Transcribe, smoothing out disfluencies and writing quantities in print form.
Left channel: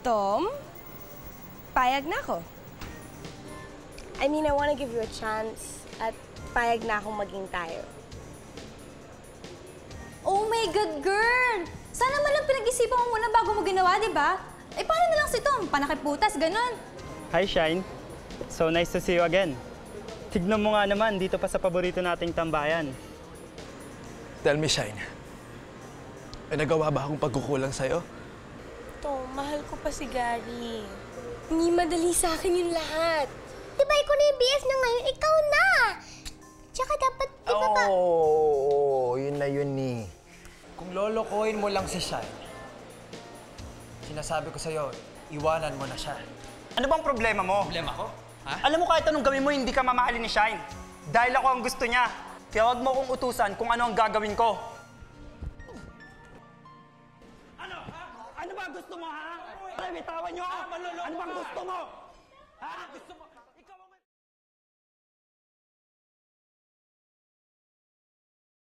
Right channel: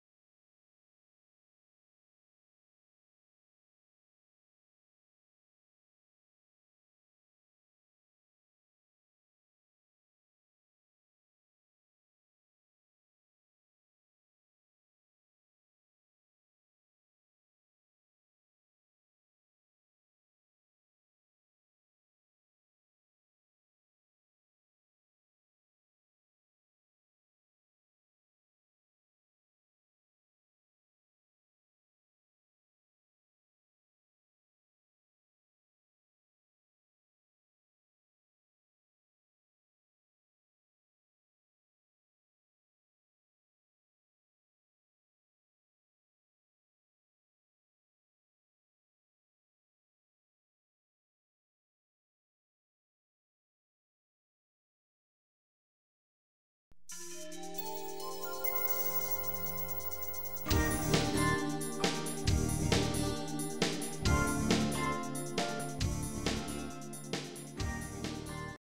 Tom, payag na ako. I mean, I wanna give you a chance at payag na akong maging tayo. Oh my God, girl! Sana man lang pinag-isipan mo muna bago mo ginawa, di ba? Eh, paano na lang si Tom? Panakiputas, ganon. Hi, Shine. So nice to see you again. Tignan mo nga naman, dito pa sa paborito nating tambayan. Tell me, Shine. May nagawa ba akong pagkukulang sa'yo? Tom, mahal ko pa si Gary. Hindi madali sa akin yung lahat. Diba ikaw na yung BF na ngayon, ikaw na! Tsaka dapat, di ba pa... Oo, yun na yun eh. Kung lolokohin mo lang si Shine, sinasabi ko sa'yo, iwanan mo na siya. Ano bang problema mo? Problema ko? Ha? Alam mo kahit anong gawin mo, hindi ka mamahalin ni Shine. Dahil ako ang gusto niya. Kaya huwag mo kong utusan kung ano ang gagawin ko. Ano ba gusto mo, ha? Bitawan niyo ako!